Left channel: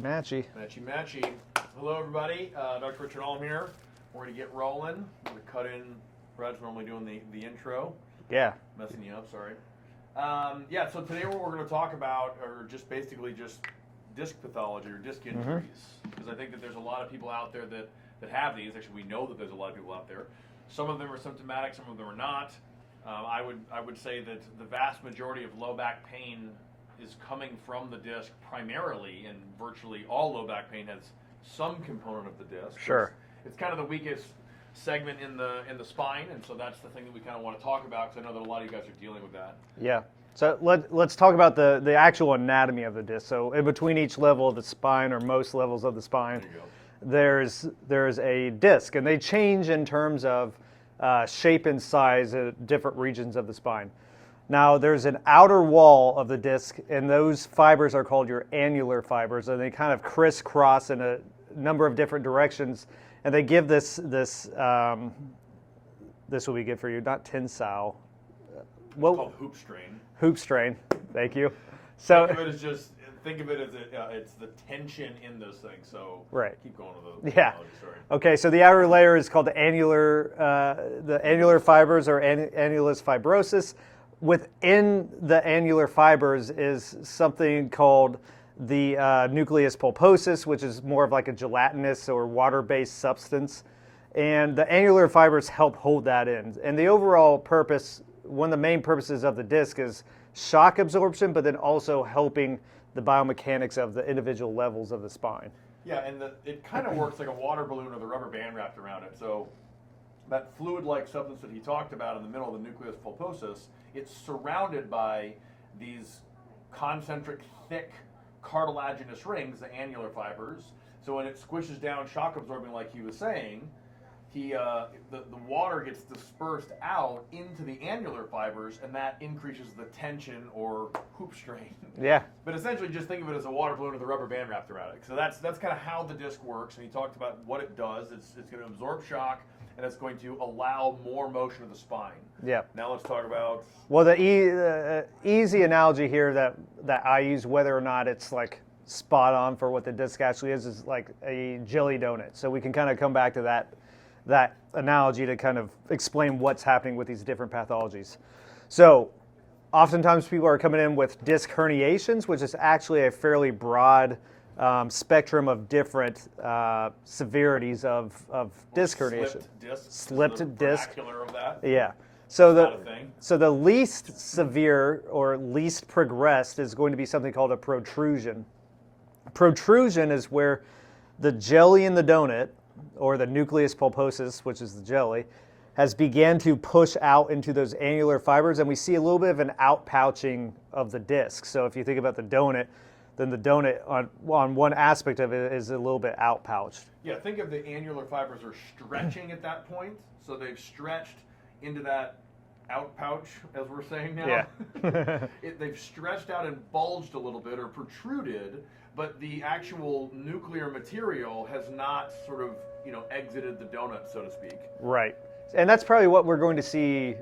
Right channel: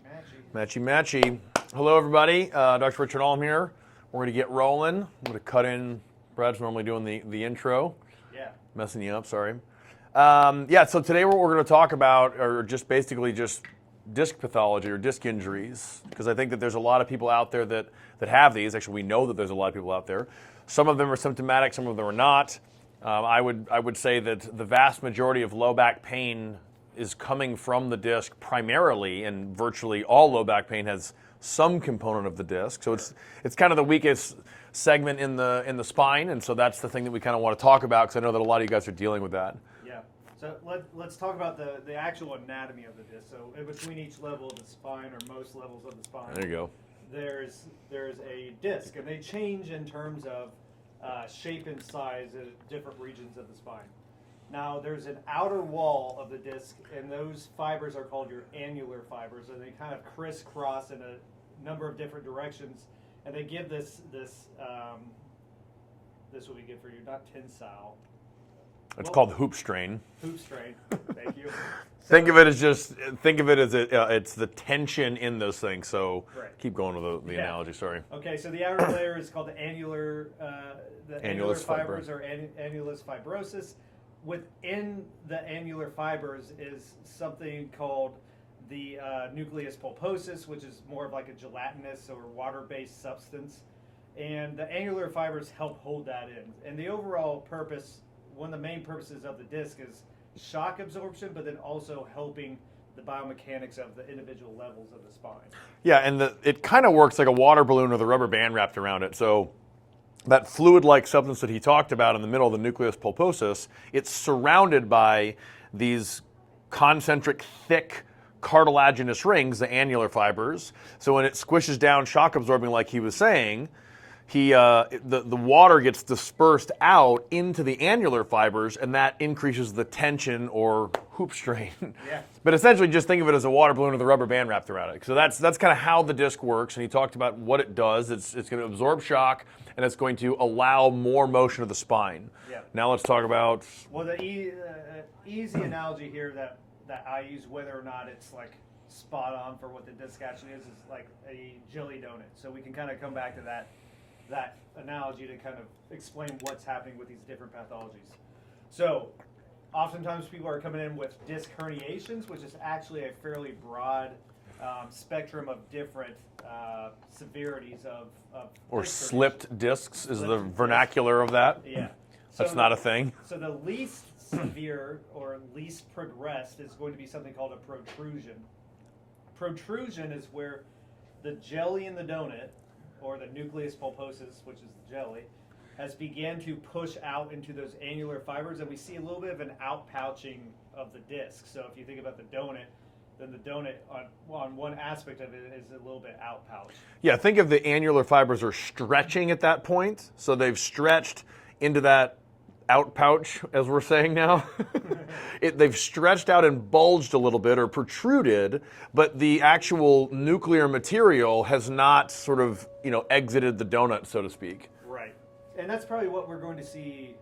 Matchy. Hello, everybody. Dr. Richard Ulm here. We're going to get rolling. I'm going to cut in. Brad's normally doing the intro. Yeah. Messing you up, sorry. So today what we're going to talk about are just basically just disc pathology or disc injuries, because I think that there's a lot of people out there that have these. Actually, we know that there's a lot of people out there. Some of them are symptomatic, some of them are not. I would say that the vast majority of low back pain is coming from the disc primarily, and virtually all low back pain has some component of the disc. Sure. So it's kind of the weakest segment in the spine, and so that's the thing that we kind of want to talk about, because I know that a lot of you guys are dealing with that. Yeah. So let's talk about the actual anatomy of the disc. So in between each level of the spine, or most levels of the spine, There you go. there's a disc, and they change in terms of shape and size at different regions of the spine. Now, there's an outer wall of the disc, and those fibers are called your annular fibers, and they kind of crisscross in a number of different directions, and they give this will be good for you, not tensile. It's called hoop strain. Hoop strain. Thank you. So, think of it as it's the tension in those things. So right. Keep going with the analogy. Sorry. Okay, so the outer layer is called the annular fibers, or annulus fibrosus. Within the annular fibers is something called the nucleus pulposus, which is more of like a gelatinous or water-based substance. And the annular fibers help hold that in. And the overall purpose, one of the main purposes of the disc, is shock absorption, but then also helping the biomechanics of the individual levels of the spine. Yeah, and it kind of works like a water balloon with a rubber band wrapped around it. So that fluid-like substance that he talked about in the middle of the nucleus pulposus, it's surrounded by these concentric, thick, cartilaginous rings, the annular fibers. So when it squishes down, shock absorbing, like he was saying, the water gets dispersed out into the annular fibers, and that increases the tension or hoop strain. Yeah. But essentially, just think of it as a water balloon with a rubber band wrapped around it. So that's kind of how the disc works, and he talked about what it does. It's going to absorb shock, and it's going to allow more motion of the spine. Yeah. Now let's talk about... Well, the easy analogy here that I use, whether or not it's like spot on for what the disc actually is like a jelly donut. So we can kind of come back to that analogy to kind of explain what's happening with these different pathologies. So oftentimes people are coming in with disc herniations, which is actually a fairly broad spectrum of different severities of disc herniation. Slipped discs is the vernacular of that. Yeah. So that's not a thing. So the least severe or least progressed is going to be something called a protrusion. Protrusion is where the jelly in the donut, or the nucleus pulposus, which is the jelly, has began to push out into those annular fibers, and we see a little bit of an outpouching of the disc. So if you think about the donut, then the donut on one aspect of it is a little bit outpouched. Yeah, think of the annular fibers are stretching at that point. So they've stretched into that outpouch, as we're saying now. Yeah. They've stretched out and bulged a little bit or protruded, but the actual nuclear material has not sort of, exited the donut, so to speak. Right. And that's probably what we're going to see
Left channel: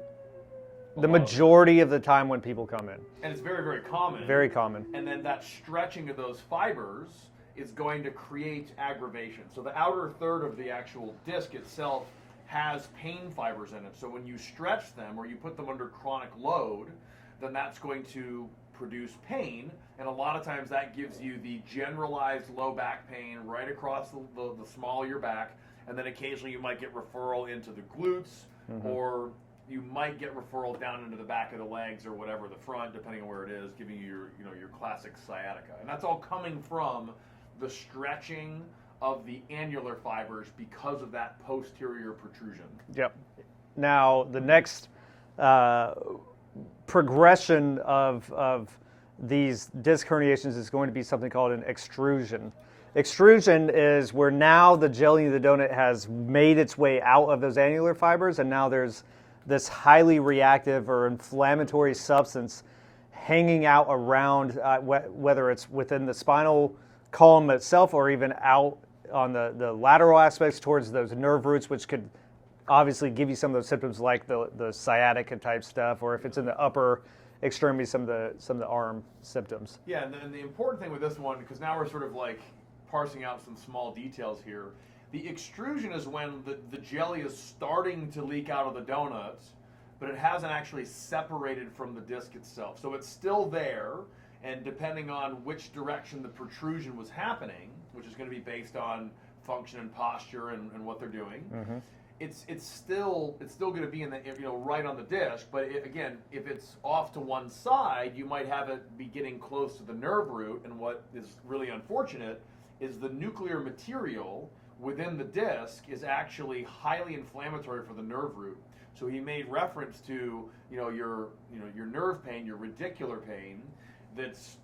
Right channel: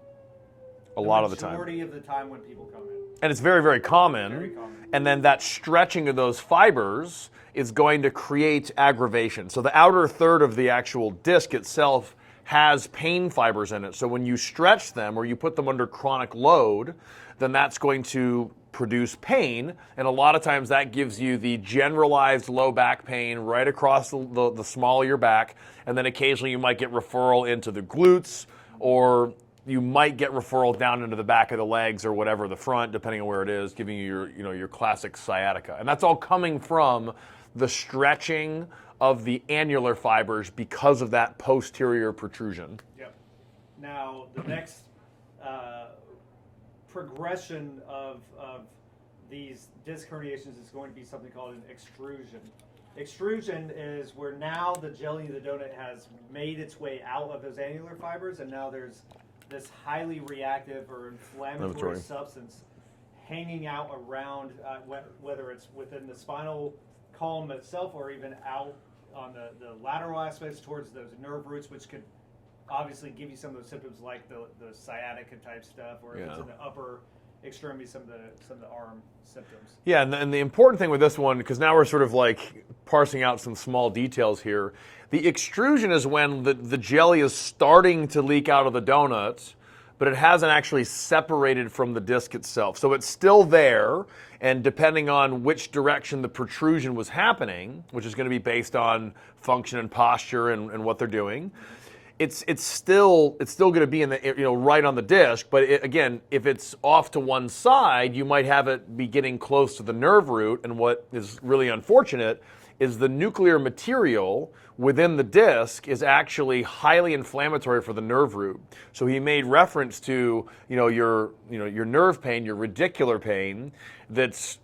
the majority of the time when people come in. And it's very, very common. Very common. And then that stretching of those fibers is going to create aggravation. So the outer third of the actual disc itself has pain fibers in it. So when you stretch them or you put them under chronic load, then that's going to produce pain. And a lot of times that gives you the generalized low back pain right across the small of your back. And then occasionally you might get referral into the glutes, or you might get referral down into the back of the legs or whatever, the front, depending on where it is, giving you your classic sciatica. And that's all coming from the stretching of the annular fibers because of that posterior protrusion. Yep. Now, the next progression of these disc herniations is going to be something called an extrusion. Extrusion is where now the jelly in the donut has made its way out of those annular fibers, and now there's this highly reactive or inflammatory substance hanging out around, whether it's within the spinal column itself or even out on the lateral aspects towards those nerve roots, which could obviously give you some of those symptoms like the sciatica type stuff, or if it's in the upper extremity, some of the arm symptoms. Yeah, and the important thing with this one, because now we're sort of like parsing out some small details here. The extrusion is when the jelly is starting to leak out of the donut, but it hasn't actually separated from the disc itself. So it's still there, and depending on which direction the protrusion was happening, which is going to be based on function and posture and what they're doing, it's still going to be in the right on the disc. But again, if it's off to one side, you might have it be getting close to the nerve root. And what is really unfortunate is the nuclear material within the disc is actually highly inflammatory for the nerve root. So he made reference to your nerve pain, your radicular pain, that's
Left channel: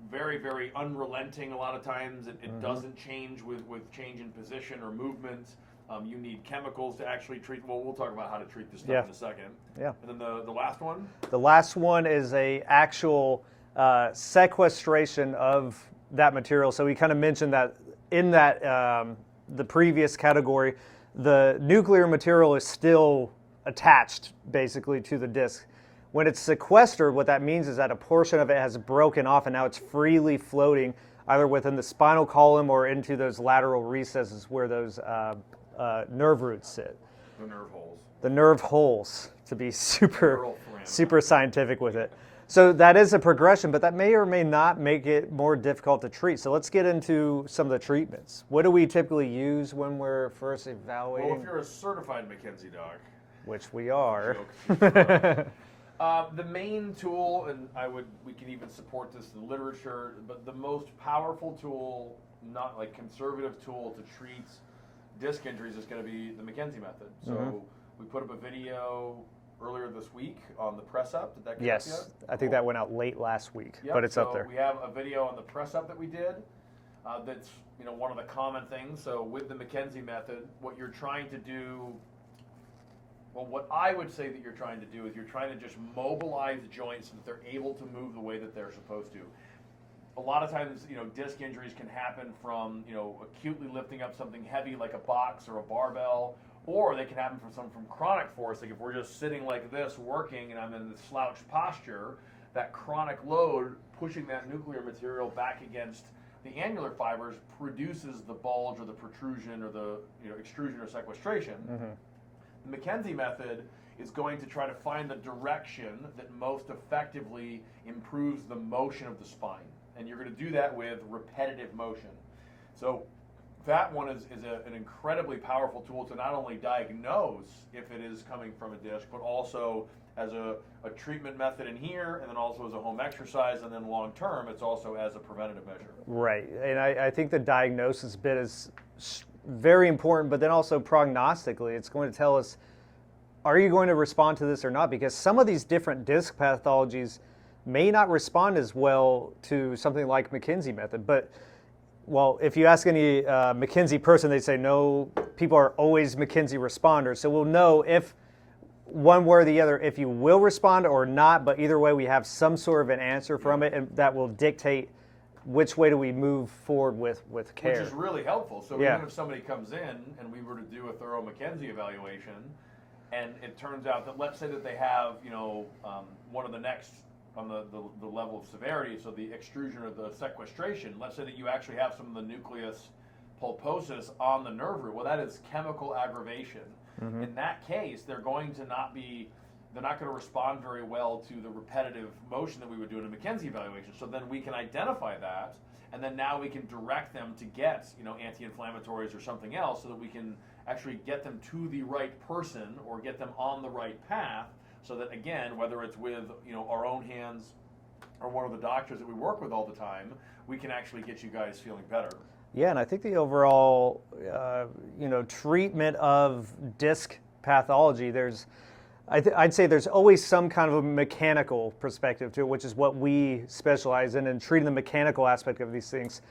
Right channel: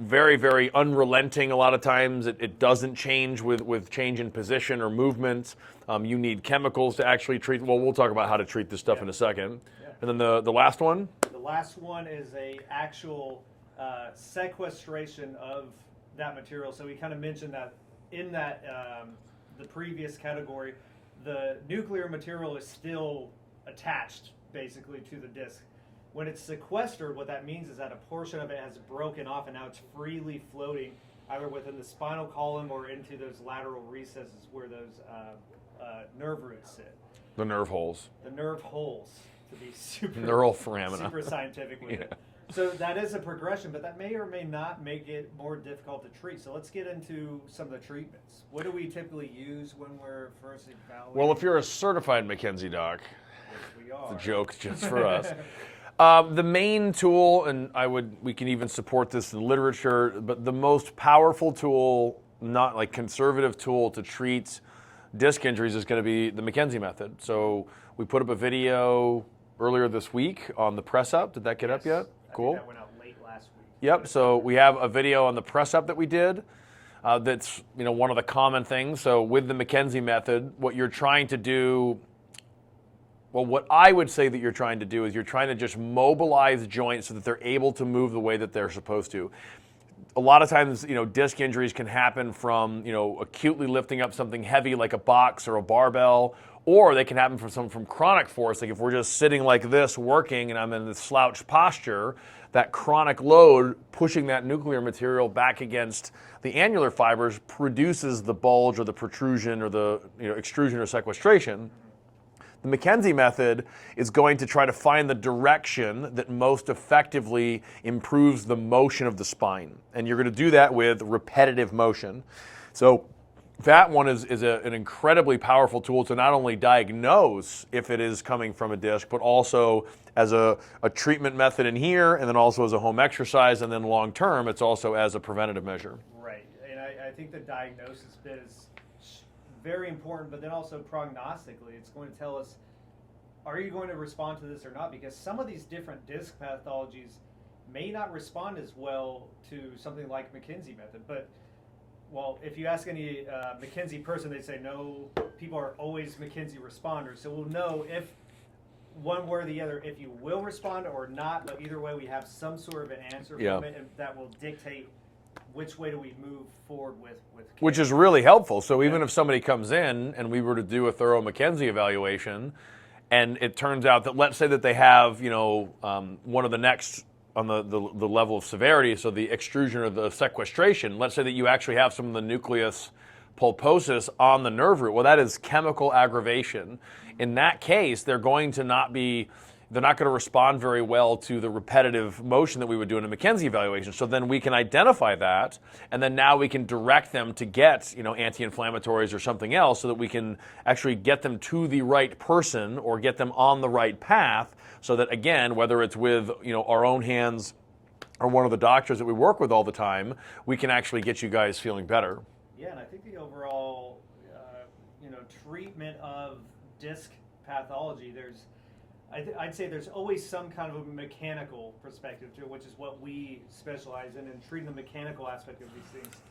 very, very unrelenting. A lot of times it doesn't change with change in position or movement. You need chemicals to actually treat. Well, we'll talk about how to treat this stuff in a second. Yeah. And then the last one? The last one is a actual sequestration of that material. So we kind of mentioned that in that the previous category, the nuclear material is still attached basically to the disc. When it's sequestered, what that means is that a portion of it has broken off and now it's freely floating either within the spinal column or into those lateral recesses where those nerve roots sit. The nerve holes. The nerve holes, to be Neural foramina. super scientific with it. So that is a progression, but that may or may not make it more difficult to treat. So let's get into some of the treatments. What do we typically use when we're first evaluating? Well, if you're a certified McKenzie doc, which we are. Joke just for us. The main tool, and we can even support this in the literature, but the most powerful tool, not like conservative tool to treat disc injuries is going to be the McKenzie method. So we put up a video earlier this week on the press up. Did that get up yet? I think that went out late last week. Yep. So we have a video on the press up that we did. That's one of the common things. So with the McKenzie method, what you're trying to do, well, what I would say that you're trying to do is you're trying to just mobilize joints so that they're able to move the way that they're supposed to. A lot of times, disc injuries can happen from, acutely lifting up something heavy like a box or a barbell, or they can happen from chronic force. Like if we're just sitting like this working and I'm in this slouched posture, that chronic load pushing that nuclear material back against the annular fibers produces the bulge or the protrusion or the extrusion or sequestration. The McKenzie method is going to try to find the direction that most effectively improves the motion of the spine. And you're going to do that with repetitive motion. So that one is an incredibly powerful tool to not only diagnose if it is coming from a disc, but also as a treatment method in here, and then also as a home exercise, and then long term, it's also as a preventative measure. Right, and I think the diagnosis bit is very important, but then also prognostically, it's going to tell us, are you going to respond to this or not? Because some of these different disc pathologies may not respond as well to something like McKenzie method, but well, if you ask any McKenzie person, they say no, people are always McKenzie responders. So we'll know if one way or the other, if you will respond or not, but either way we have some sort of an answer from it, and that will dictate which way do we move forward with care. Which is really helpful. So even if somebody comes in and we were to do a thorough McKenzie evaluation, and it turns out that, let's say that they have, one of the next on the level of severity, so the extrusion or the sequestration, let's say that you actually have some of the nucleus pulposus on the nerve root. Well, that is chemical aggravation. In that case, they're not going to respond very well to the repetitive motion that we would do in a McKenzie evaluation. So then we can identify that, and then now we can direct them to get, anti-inflammatories or something else so that we can actually get them to the right person or get them on the right path, so that, again, whether it's with, our own hands or one of the doctors that we work with all the time, we can actually get you guys feeling better. Yeah, and I think the overall, treatment of disc pathology, I'd say there's always some kind of a mechanical perspective to it, which is what we specialize in treating the mechanical aspect of these things.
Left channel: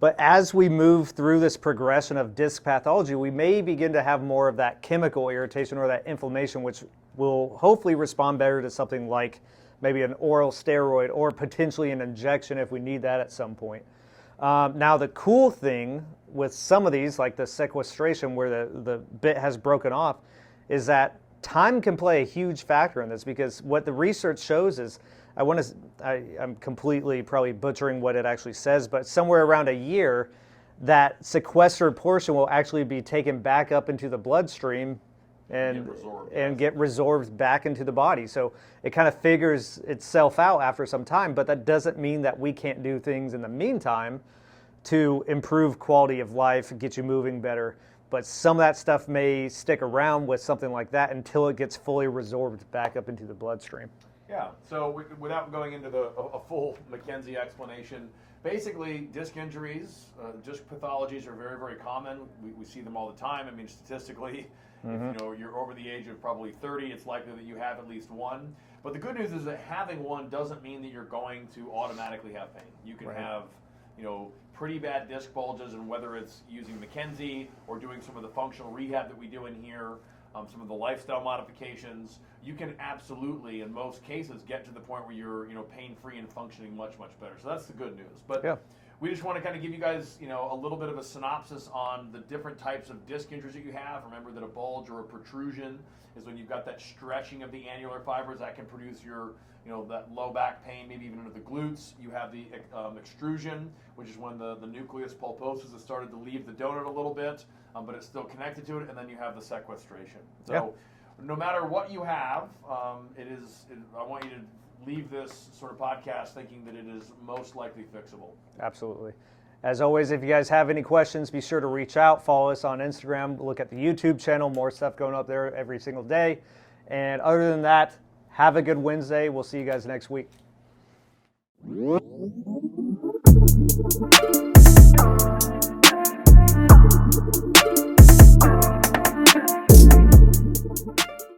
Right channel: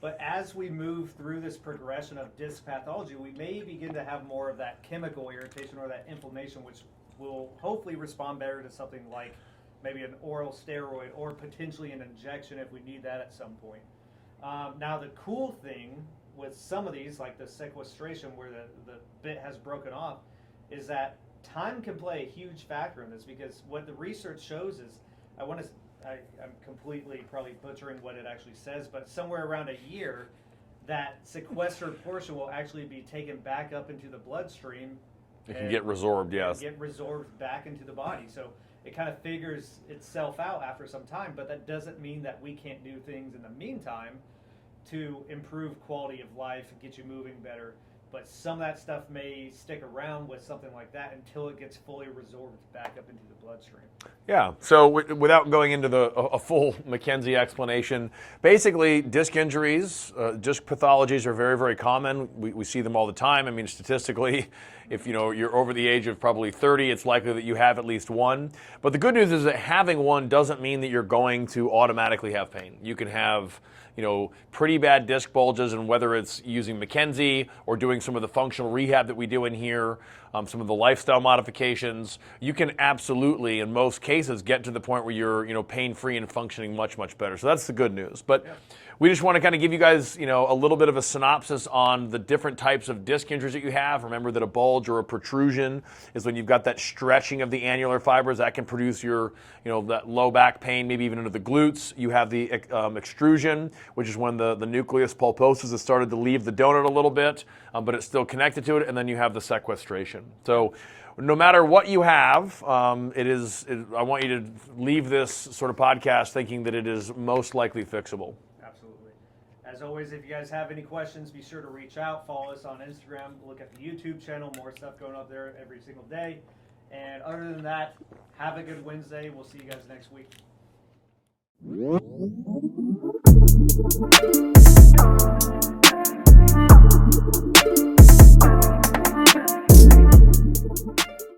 But as we move through this progression of disc pathology, we may begin to have more of that chemical irritation or that inflammation, which will hopefully respond better to something like maybe an oral steroid or potentially an injection if we need that at some point. Now, the cool thing with some of these, like the sequestration where the bit has broken off, is that time can play a huge factor in this, because what the research shows is, I'm completely probably butchering what it actually says, but somewhere around a year, that sequestered portion will actually be taken back up into the bloodstream and get resorbed, yes. And get resorbed back into the body. So it kind of figures itself out after some time, but that doesn't mean that we can't do things in the meantime to improve quality of life, get you moving better. But some of that stuff may stick around with something like that until it gets fully resorbed back up into the bloodstream. Yeah, so without going into a full McKenzie explanation, basically disc injuries, disc pathologies are very, very common. We see them all the time. I mean, statistically, if you're over the age of probably 30, it's likely that you have at least one. But the good news is that having one doesn't mean that you're going to automatically have pain. You can have pretty bad disc bulges, and whether it's using McKenzie or doing some of the functional rehab that we do in here, some of the lifestyle modifications, you can absolutely, in most cases, get to the point where you're, pain-free and functioning much, much better. So that's the good news. But yeah, we just want to kind of give you guys, a little bit of a synopsis on the different types of disc injuries that you have. Remember that a bulge or a protrusion is when you've got that stretching of the annular fibers that can produce your, that low back pain, maybe even into the glutes. You have the extrusion, which is when the nucleus pulposus has started to leave the donut a little bit, but it's still connected to it. And then you have the sequestration. So no matter what you have, I want you to leave this sort of podcast thinking that it is most likely fixable. Absolutely. As always, if you guys have any questions, be sure to reach out. Follow us on Instagram. Look at the YouTube channel. More stuff going up there every single day. And other than that, have a good Wednesday. We'll see you guys next week.